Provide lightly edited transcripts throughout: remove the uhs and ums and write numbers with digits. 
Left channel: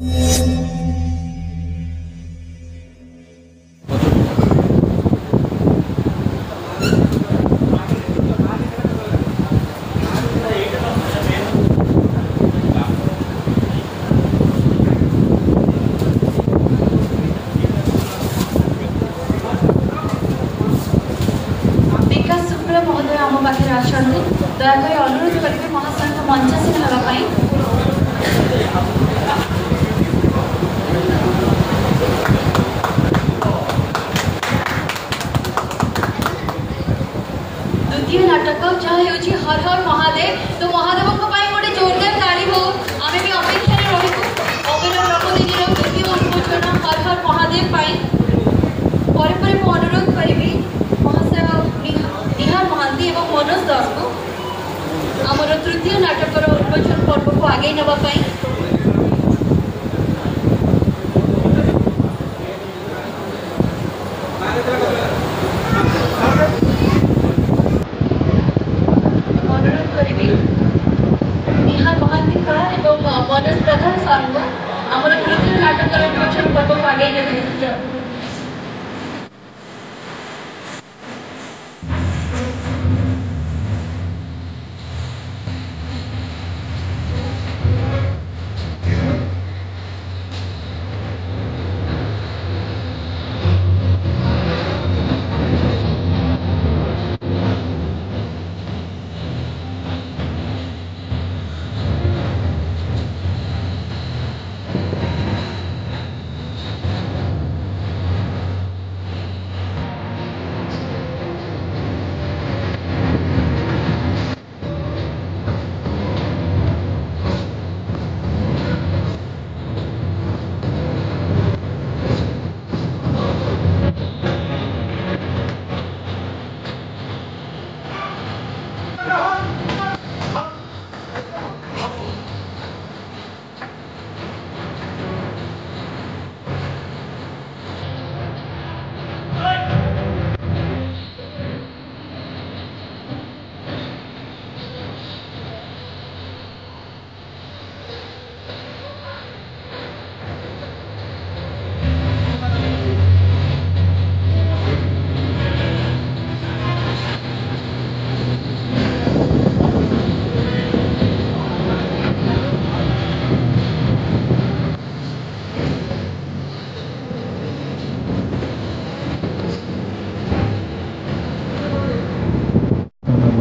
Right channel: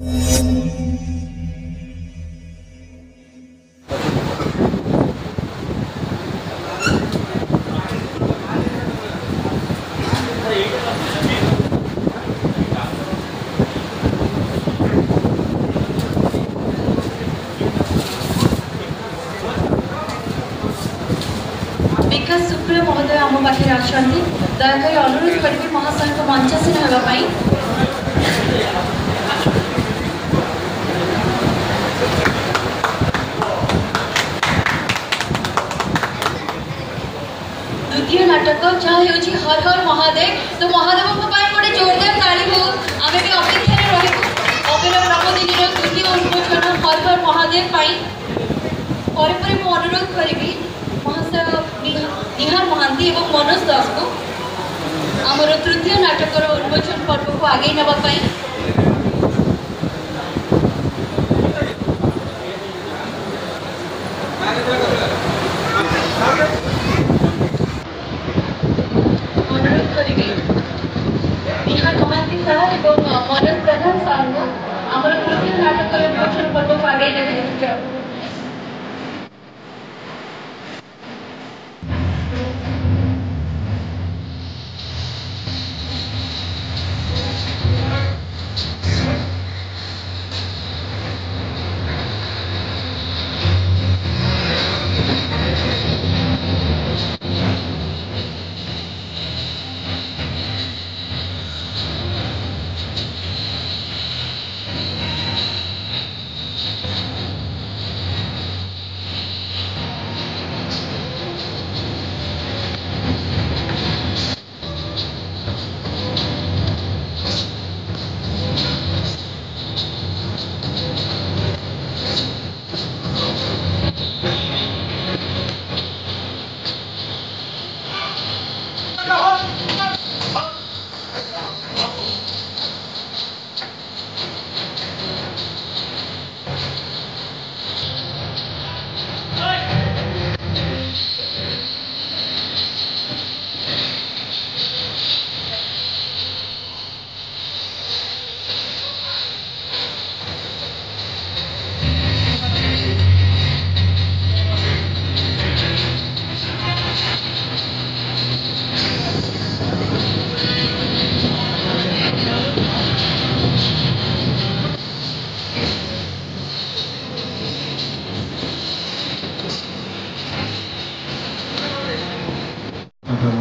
महोदय आम पाखे अच्छा दयाकोरी अनुरोध करी महाशय को मंचासीन होगापी द्वितीय नाटक जहाँ हो हर हर महादेव तो महादेव गोटे जोरदार ताली हो आम भी अपेक्षा रही अभिनय नवदिन द्वितीय उन्मोचन हर हर महादेव पर मु अनुरोध करी महाशय निहार महांती एवं मनोज दास को आमर तृतीय नाटकर उन्मोचन पर्व को आगे नापी अनुरोध करी निहार महांती सार एवं मनोज प्रधान सार को आमर तृतीय नाटकर उन्मोचन पर्व को आगे नापी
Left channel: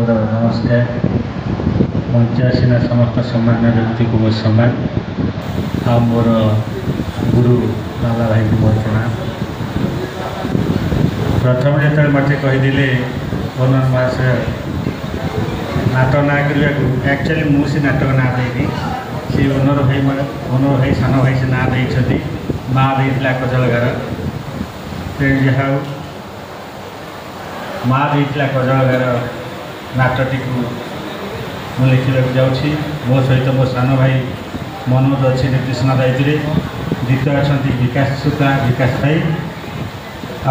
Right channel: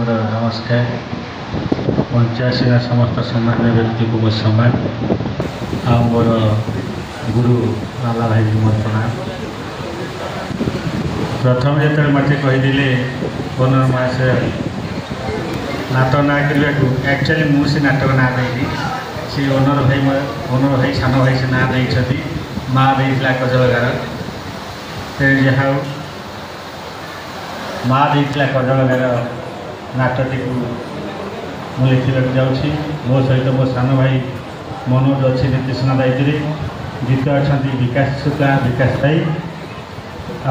नमस्कार मंचासीन समस्त सम्मान्य व्यक्ति को मो सम्मान आ मोर गुरु लाला भाई को मोर प्रणाम। प्रथम जो मत कहीदे ओनर महाशय नाटक ना करने को एक्चुअली मुझे नाटक ना देनी सी ओनर भाई सान भाई से ना दे माँ देला कजलगार जहाँ माँ देला कजलगार नाटक को लिखा जाऊँगी मो सहित मो सान भाई मनोज अच्छी निर्देशना दायित्व द्वितीय अच्छा विकास शुक्ला विकास भाई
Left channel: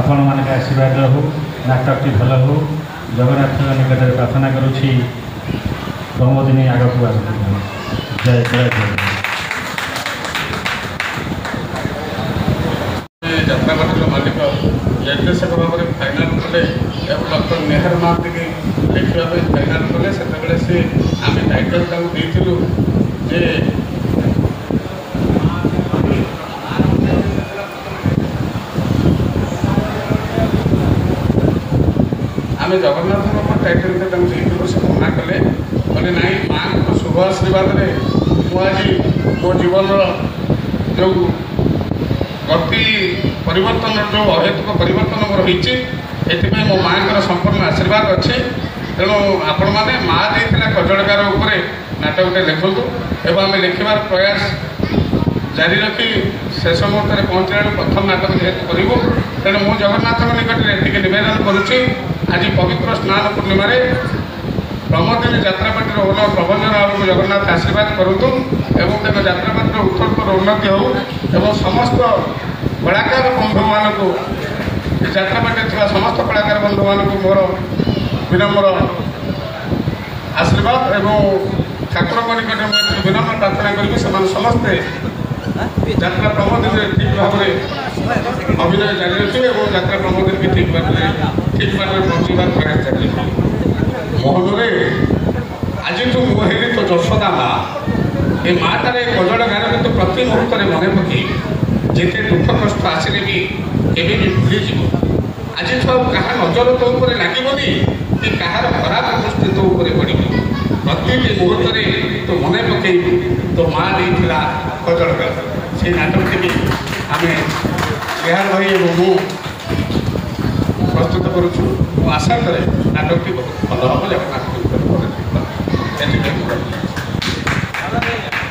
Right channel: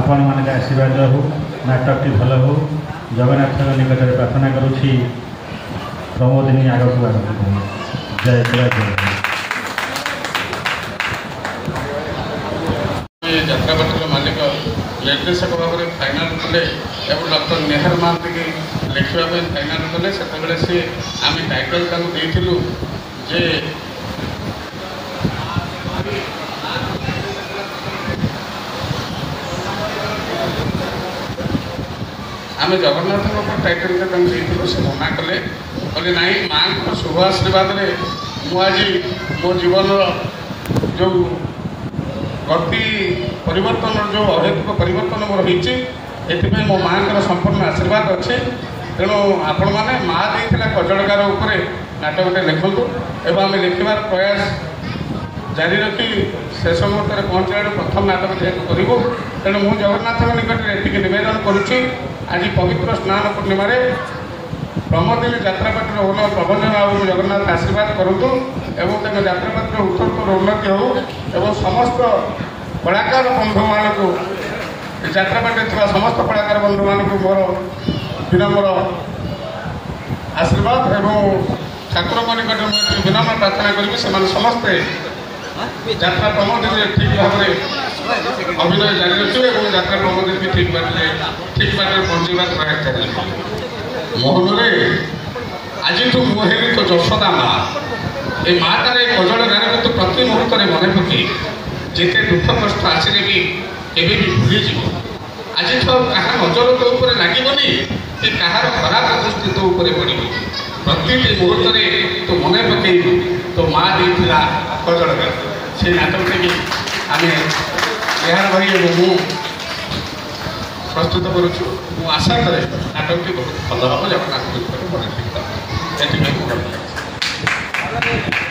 आपण मान आशीर्वाद हो नाटकटी भल हो जगन्नाथ निकट में प्रार्थना करुँची प्रमोदिनी आगक जय जय जय ଯାତ୍ରାପାର୍ଟିର ମାଲିକ ନିର୍ଦ୍ଦେଶକ ଭାବରେ ଫାଇନାଲ କଲେ ଏବଂ ଡକ୍ଟର ନିହାର ମହାନ୍ତି ଲେଖିବା ପାଇଁ ଫାଇନାଲ କଲେ ସେତେବେଳେ ସେ ଆମେ ଟାଇଟଲ ତାକୁ ଦେଇଥିଲୁ ଯେ ଆମେ ଜଗନ୍ନାଥଙ୍କ ଟାଇଟଲଟା ତାଙ୍କୁ ଦେଇଥିଲୁ ସେ ମନା କଲେ କହିଲେ ନାଇଁ ମାଆଙ୍କ ଶୁଭ ଆଶୀର୍ବାଦରେ ମୁଁ ଆଜି ମୋ ଜୀବନର ଯେଉଁ गति परिवर्तन जो अहेतुक परिवर्तन मोर होती एथि मो माँ संपूर्ण आशीर्वाद अच्छे तेणु आपण मैंने माँ देता कजलगार नाटकटे लिखु एवं आम लिखार प्रयास जारी रखिली शेष मुहूर्त पहुँचा प्रथम नाटक जेहतु करूँ तेणु मुझ जगन्नाथ निकट में ये नवेदन करुच्ची आज पवित्र स्नान पूर्णिम प्रमोदिनी यात्रापार्टी ओनर प्रबंधन बाबू जगन्नाथ आशीर्वाद करूँ एवं तेज यात्रापार्टी उत्तरोत्तर उन्नति हो एवं समस्त कलाकार बंधु मानक यात्रापार्टी थी समस्त कलाकार बंधु मानक मोर विनम्र आशीर्वाद एवं ठाकुर निकट में विनम्र प्रार्थना करी से समस्ते ଯାତ୍ରା ପ୍ରବନ୍ଧରେ ଠିକ୍ ଭାବରେ ଅଭିନୟ ଜାରି ରଖିବେ ଏବଂ ଯାତ୍ରା ପ୍ରବନ୍ଧରେ ଠିକ୍ ବାଟରେ ପହଞ୍ଚିବାର ପ୍ରୟାସ ଜାରି ରଖିବେ। ମହୋଦୟ, ଆଜିଠୁ ମୁଁ ହେଲି ତ ଯଶୋଦା ମା। ଏ ମାଟାରେ କଜଳ ଗାଁରେ କିନ୍ତୁ ପ୍ରତି ମୁହୂର୍ତ୍ତରେ ମନେ ପକେଇ ଯେତେ ଦୁଃଖ କଷ୍ଟ ଆସିଲେ ବି କେବେ ବି ଭୁଲିଯିବ। ଆଜିଠୁ କାହା ନଜର ତୋ ଉପରେ ଲାଗିବନି କି କାହାର ଖରାପ ଦୃଷ୍ଟି ତୋ ଉପରେ ପଡ଼ିବ। ପ୍ରତିଟି ମୁହୂର୍ତ୍ତରେ ତୁ ମନେ ପକେଇବୁ ତୋ ମା ଦେଇଥିଲା କଜଳ ଗାଁ। সেই নাটকটিকে আমি বিহার ভাই এবং ମୁଁ ପ୍ରସ୍ତୁତ କରୁଛୁ। ମୁଁ ଆଶା କରେ ନାଟକଟି ବହୁତ ଭଲ ହେବ। ଜଗନ୍ନାଥ